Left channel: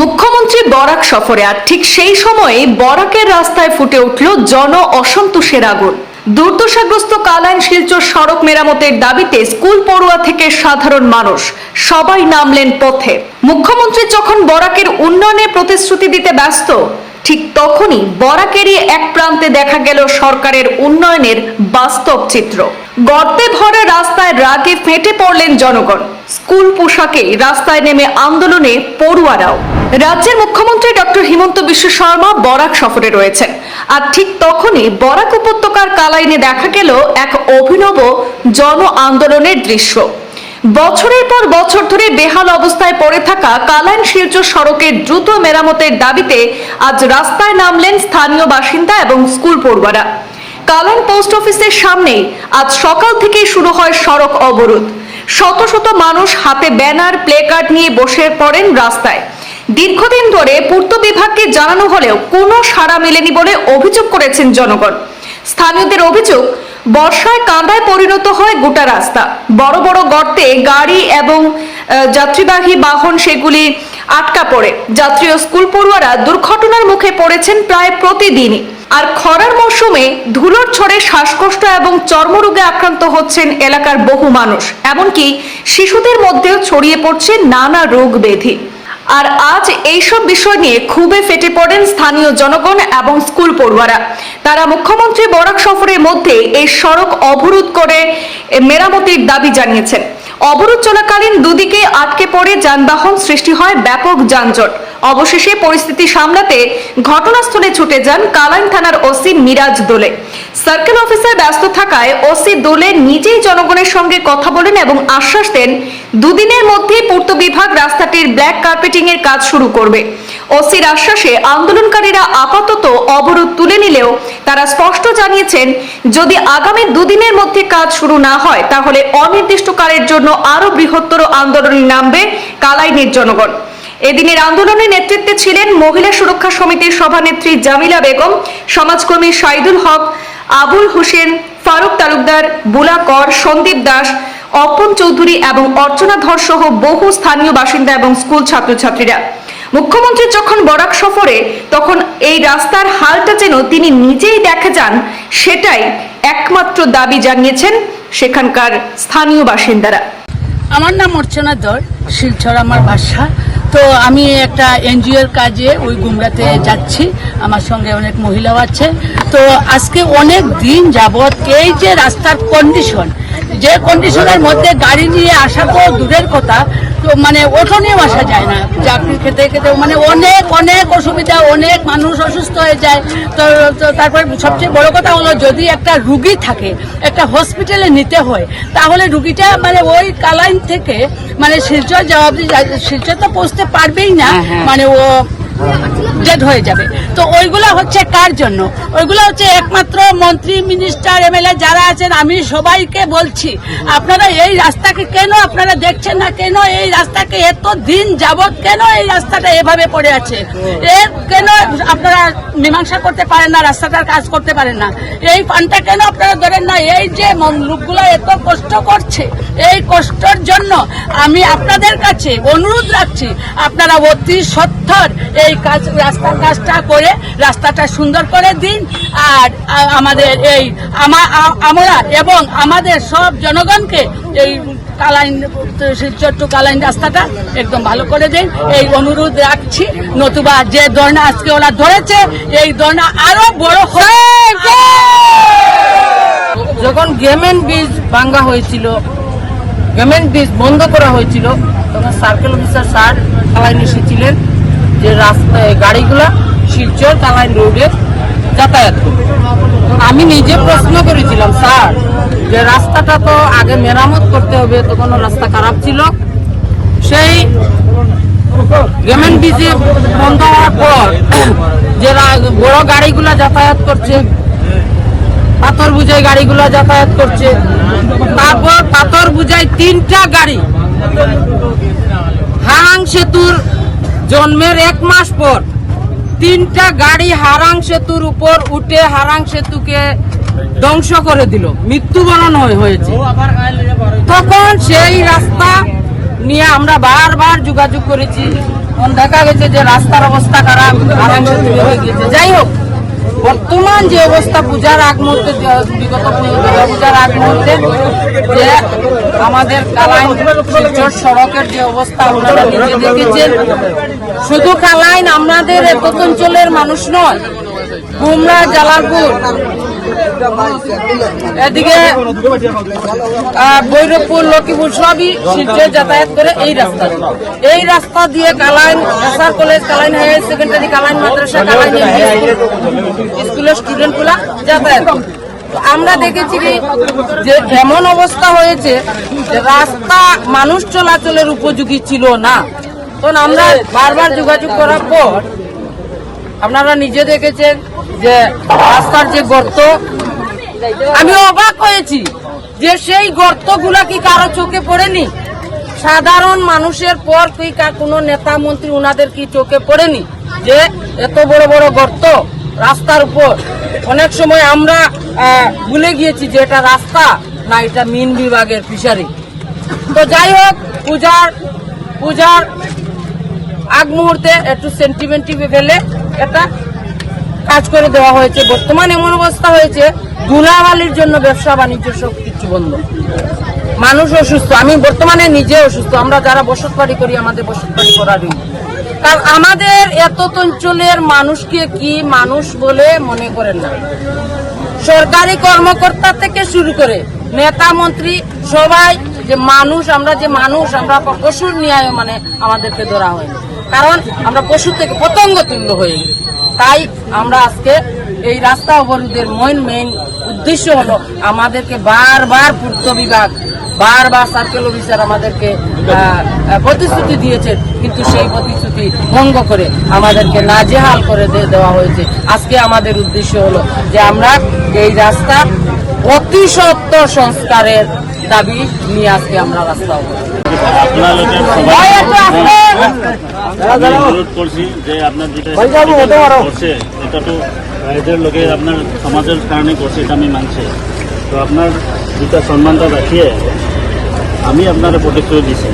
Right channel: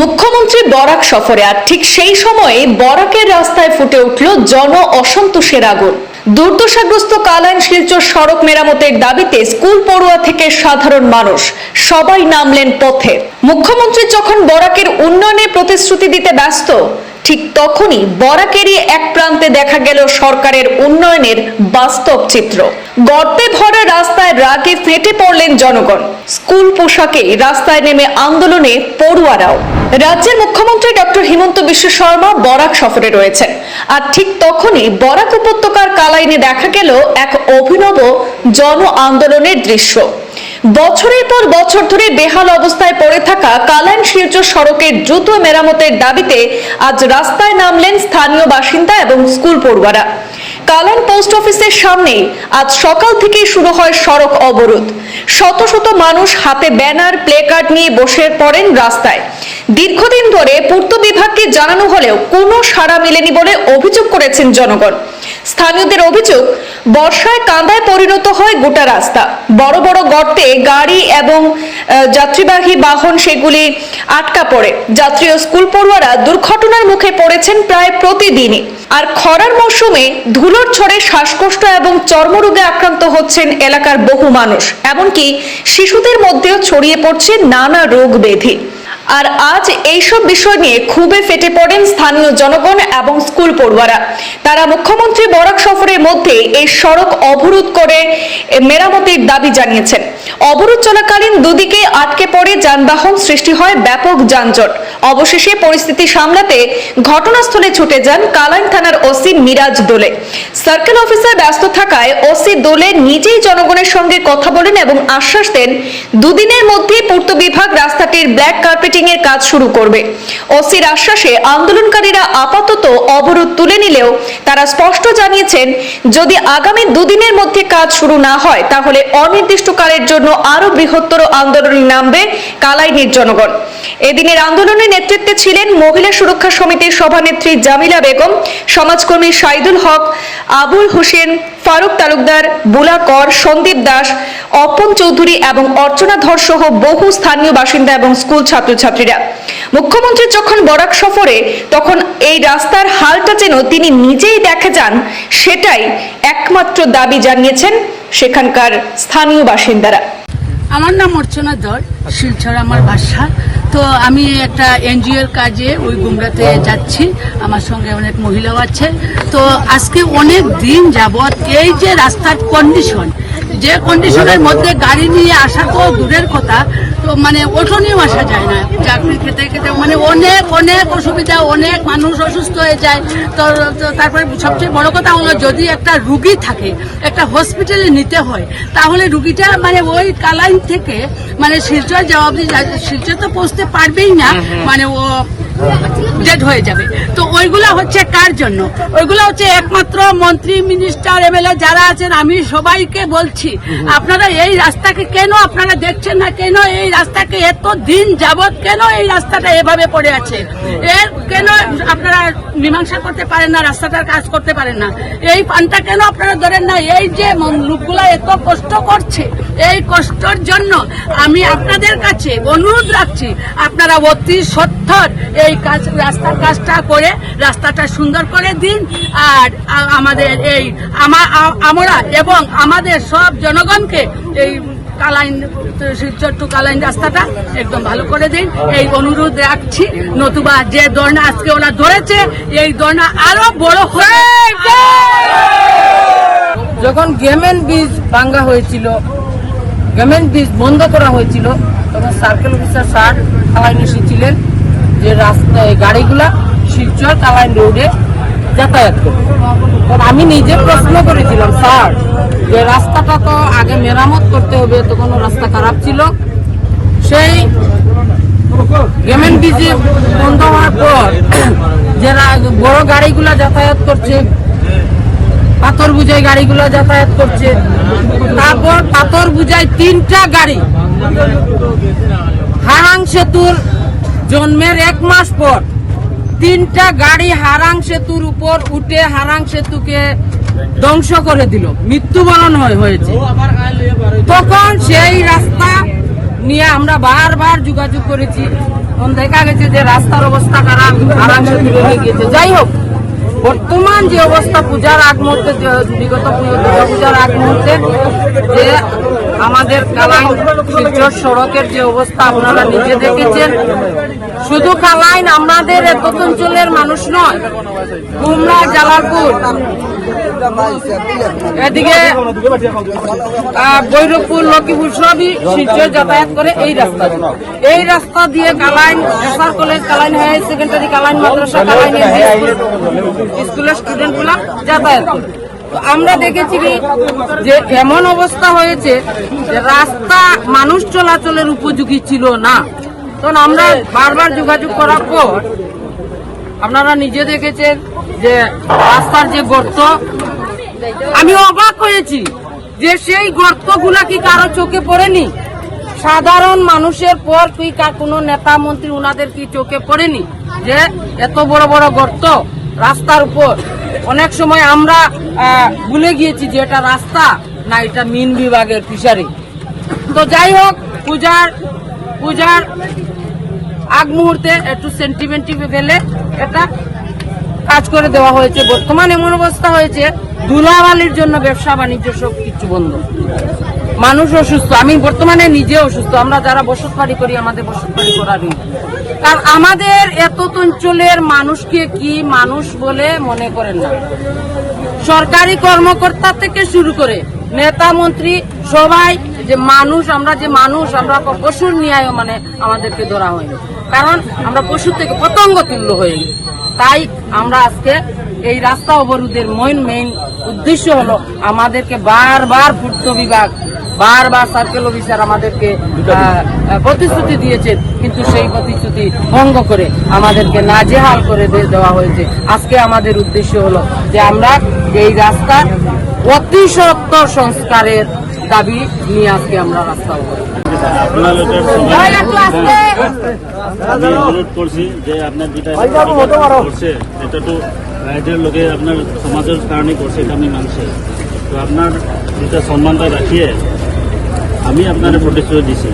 মুখ্যমন্ত্রী বরাক সফরে আর ঠিক সেই সময়ে বরাকের রাস্তায় ফুটে উঠল জন অসন্তোষের আগুন। দুর্দশাগ্রস্ত কালাইন শিলচর সড়ক মেরামতের দাবিতে স্কুল পড়ুয়া থেকে সাধারণ মানুষ সবাই নামলেন পথে। মুখ্যমন্ত্রী যখন বরাকের উন্নয়নে প্রতিশ্রুতি দিতে ব্যস্ত ঠিক তখনই বরাকেরই এক প্রান্তে দেখা গেল সরকারের উন্নয়নের বাস্তব চিত্র। গর্তে ভরা রাস্তায় রাগে ফেটে পড়লেন জনগণ। স্কুল পোশাকে রাস্তায় নেমে আন্দোলনে পড়ুয়ারাও। রাজ্যের মুখ্যমন্ত্রী ডক্টর হিমন্ত বিশ্ব শর্মা বরাক সফরে রয়েছেন। আর ঠিক তখনই বরাক উপত্যকার কালাইনে দেখা গেল এক অভিনব জন আন্দোলনের দৃশ্য। বছরের পর বছর ধরে বেহাল অবস্থায় পড়ে থাকা কালাইন শিলচর সড়কের দ্রুত মেরামতের দাবিতে আজ রাস্তায় নামলেন স্থানীয় বাসিন্দা এবং স্কুল পড়ুয়ারা। কালাইন পোস্ট অফিসের সামনে আজ সকাল থেকেই শুরু হয় সড়ক অবরোধ। শত শত মানুষ হাতে ব্যানার, প্লেকার্ড নিয়ে বসে পড়েন রাস্তায়। দীর্ঘদিন ধরে পূর্ত বিভাগকে জানানো হলেও কোনো সাড়া মেলেনি বলে অভিযোগ করেছেন জনগণ। স্থানীয়দের অভিযোগ বর্ষায় কাঁদায় পরিণত হয় গোটা রাস্তা। বড় বড় গর্তে গাড়ি এবং যাত্রীবাহী বাহন সেগুলি আটকা পড়ে। যাত্রী ও স্কুল পড়ুয়ারা দুর্ঘটনার মুখে পড়েছেন প্রায় প্রতিদিনই। আর খরার মৌসুমে ধুলোর ছড়ে শ্বাসকষ্ট এবং চর্মরোগে আক্রান্ত হচ্ছেন এলাকার বহু মানুষ। এমনকি শিশুদের মধ্যেও ছড়িয়ে পড়ছে নানা রোগ ব্যাধি। আর আজ এইসব বিষয় নিয়ে খুবই ফেটে পড়েন স্থানীয় জনগণ এবং স্কুল পড়ুয়ারা। তারা মুখ্যমন্ত্রী বরাক সফরের মধ্যে এই সড়ক অবরোধ করে মেরামতির দাবি জানিয়েছেন। অবরোধ চলাকালীন দুদিকে আটকে পড়ে যানবাহন সৃষ্টি হয় ব্যাপক যানজট। অবশেষে পরিস্থিতি সামলাতে ঘটনাস্থলে ছুটে যান কালাইন থানার ওসি মিরাজ দোলে। সার্কেল অফিসার ব্যস্ত থাকায় ওসি দোলে নিজেই জনগণের সঙ্গে কথা বলেন এবং আশ্বাস দেন, দুদিনের মধ্যেই পূর্ত বিভাগ রাস্তাটির ব্ল্যাক কার্পেটিং এর কাজ শুরু করবে। ওসির আশ্বাসে আন্দোলনকারীরা আপাতত অবরোধ তুলে নিলেও তারা স্পষ্ট জানিয়েছেন, যদি আগামী দুদিনের মধ্যে কাজ শুরু না হয়, তাহলে অনির্দিষ্টকালের জন্য আরও বৃহত্তর আন্দোলনে নামবে কালাইনের জনগণ। এদিনের আন্দোলনের নেতৃত্বে ছিলেন মহিলা সুরক্ষা সমিতির সভানেত্রী জামিলা বেগম, সমাজকর্মী সাইদুল হক, আবুল হোসেন, ফারুক তালুকদার, বুলা কর, সন্দীপ দাস, অপন চৌধুরী এবং অর্চনা ধর সহ বহু স্থানীয় বাসিন্দা এবং স্কুল ছাত্রছাত্রীরা। মুখ্যমন্ত্রী যখন বরাক সফরে, তখন এই রাস্তার হালটা যেন তিনি নিজেই দেখে যান, সেটাই একমাত্র দাবি জানিয়েছেন সেখানকার স্থানীয় বাসিন্দারা। আমার নাম অর্চনা দর শিলচর আমার বাসা। তো আমি একটা এনজিওর কাজে ওই গুমরাতে যাচ্ছি। আমার সঙ্গে অনেক মহিলাও আছে। তো আজকে অনেক দিন যাবৎ এই যে রাস্তার কন্ডিশন যে কন্ডিশনের মধ্যে গাড়ি নিয়ে আসা তো দূরের কথা মানে ওঠো নিয়েও আসা যায় না। চাকরি খেতে খেতে মানে অনেক অনেক অসুবিধা অনেক মানুষ অসুস্থ হয়ে যায়। তো তারপর সবচেয়ে বড় কথা হলো যদি একটা রুগী থাকে একটা হসপিটালে নিতে হয় তাহলে রুগীটা মানে ওই কালাইন থেকে মানে শিলচর যাওয়া শিলচর তো পৌঁছতে পারবেই না মানে ও ডেড হয়ে যাবে। তো ওইগুলা হচ্ছে কার জন্য? ওইগুলা হচ্ছে একমাত্র মন্ত্রী মিনিস্টার এমএলএ যারা আছেন আমি সবাইকে বলছি আপনারা এই রাস্তাকে কেন আপনারা দেখছেন না? কেন এই রাস্তাকে এত দিন যাবৎ কেন এই রাস্তাটা এভাবে পড়ে আছে? এর কেন আপনারা মীমাংসা করতে পারেন না, রাস্তাটার কাজ করতে পারেন না? এই পানটা কেন আপনারা ধরেন না? এই যে লোকগুলা এত কষ্ট করছে, এই কষ্টর জন্য আমি আপনাদের কাছে অনুরোধ রাখছি, আপনারা অতি সত্তর এই কাজ রাস্তার কাজটা করে রাস্তাটা সুন্দর করে দিন, আর আমাদের এই আমা- আমরা এবং আমাদের সব জনগণকে এই কালাইন ছোট্ট কালাইন রাস্তাটা একদম ভালো করে দিন এই অনুরোধ রাখছি, নতুবা যে দর্ণা আজকে ওরা ধরেছে, এই দর্ণা আরও বড় হবে যখন গেমেন বীজ ভাঙ্গা হয়েছিল গেমেন বীজ বন্ধ করা হয়েছিল, তখন সার্কেল অফিসার স্যার কালাইন এসেছিলেন যে রাস্তায় গাড়িগুলা শিলচর কালাইন রোডে যাতায়াত করবে আমি নিজে প্রশ্ন করেছিলাম, স্যার যে রাস্তাটা তো আগে মেরামত করতে হবে তখন রাস্তা খারাপ ছিল। সেই গেমেন ব্রিজে বন্ধ হওয়ার পর যে বড় গাড়িগুলা যাতায়াত করছে, পাথর বুঝাই গাড়িগুলো যাতায়াত করছে, তারপর পাথর বুঝাই তিনটা গাড়ি। হারাং সেতুর জন্মের এক মাস পর তিনটা গাড়ি হারাং সেতুর উপর উঠে হারাং সেতুকে ধ্বংস করে দিল। মৃত্যুবরণ হয়ে- হয়েছে। তখন সেই রাস্তা নিয়ে আমরা বারবার যোগাযোগ করেছি। দেখা গেছে যে রাস্তার অবস্থা খারাপ হয়ে যাই হোক, বর্তমান যে অবস্থা, পূজার আগ মুহূর্তে, বিগত পূজার আগ মুহূর্তে, যে আমাদের কালাইন শিলচর সড়কের যে অবস্থা, আপনারা নিজে দেখেছেন। শুধু কালাইন আমাদের এক অঞ্চলের মানুষ নয়, কুমড়া, জালালপুর এদিকে বৈরবপুর লক্ষ্মীপুর সবই শিলচর যাতায়াত করে এই রাস্তা দিয়ে। এই রাস্তা দিয়ে Kalain, SR college, Kalain higher secondary Kalain, মাদ্রাসা, কালাইন স্কুলের স্টুডেন্টগুলা যাতায়াত আমরা দেখেছি যে এমন অবস্থা হয়েছে রাস্তা মানুষ চলাচলের উপযোগী ছিল না। তখন আমরা বারবার যোগাযোগ করার পর আপনারা নিজে দেখেছেন যে রাস্তার যে গর্ত, আমি অবাক হয়েছি যে সেই গর্তগুলা কি কারও চোখে পড়েনি? সাধারণ মানুষের পর কার কোনো নেতা মন্ত্রী ওনাদের কি চোখে পড়েনি যে এত বড় বড় গর্ত রাস্তার উপর? অনেক সময় আমরা ভুলে গিয়েছি যে এটা রাস্তা না, এটা মিন বিভাগের ফিশারি। তো যাই হোক, পূজার পূজার আগ মুহূর্তে একটু সেন্টিমেন্টি গেলে একটা কাজ করে দেওয়া হয়েছে, বর্তমান এমন অবস্থা হয়েছে, ধুলাবালির জন্য ব্যবসা বাণিজ্য সব কিছু বন্ধ। মানুষ অসুস্থ, আমি বর্তমানে নিজে অসুস্থ, আমরা যারা বসত বাড়ি করি, আমাদের বসত বাড়ি করারই কারণ আমাদের এত অঞ্চলের মানুষকে কি মানুষ বলে মনে করেন না। সরকারি কর্মকর্তা থেকে শুরু করে নেতা, মন্ত্রী, সবাই যে মানুষ, আমরা যে মানুষ, আমরা পশুর ন্যায় মানে আমাদেরকে ধরা হয়নি। কারণ আমরা পশু থেকে পতঙ্গ তুল্য হয়ে গেছি তাই আমরা আজকে এই রাস্তা অবরোধের মেইন মেইন উদ্দেশ্য হলো আমাদেরকে বারবার পূর্ত বিভাগ বারবার সার্কেল অফিসার আমাদেরকে প্রতিশ্রুতি দিয়েছেন কিন্তু সেই প্রতিশ্রুতি ভঙ্গ করে আমাদেরকে নাজেহাল করে দিয়ে দেওয়া হয়েছে। আজকে আমাদের উদ্দেশ্য হলো যে আমরা এই রাস্তা অতি সত্তর সংস্কারের দাবি নিয়ে আজকে আমরা রাস্তা অবরোধ আমি অনুরোধ করছি যে আপনার যেটা করছে এটা তো রাইজের লোকে আপনার সমাজের কারণে করছে এটা আমি মানছি। তো আপনার যেটা সম্মানটা রাখিয়ে আমি আপনার প্রতিশ্রুতি দিছি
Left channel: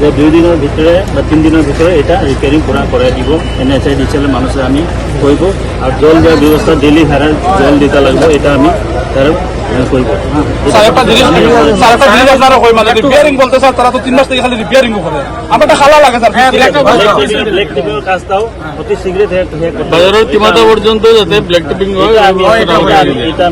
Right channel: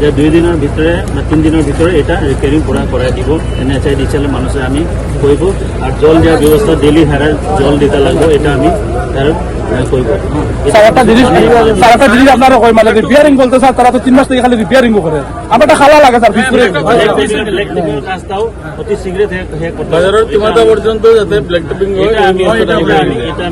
যে দুই দিনের ভিতরে বা তিন দিনের ভিতরে এটা রিপেয়ারিং পুরা করে দিব। এন এস আই ডিসেলের মানুষে আমি করব আর জল যাওয়ার ব্যবস্থা ডেলি হারে জল দিতে লাগবে এটা আমি তার হ্যাঁ মানে পর্যন্ত যাতে ব্ল্যাক টিপিং এটা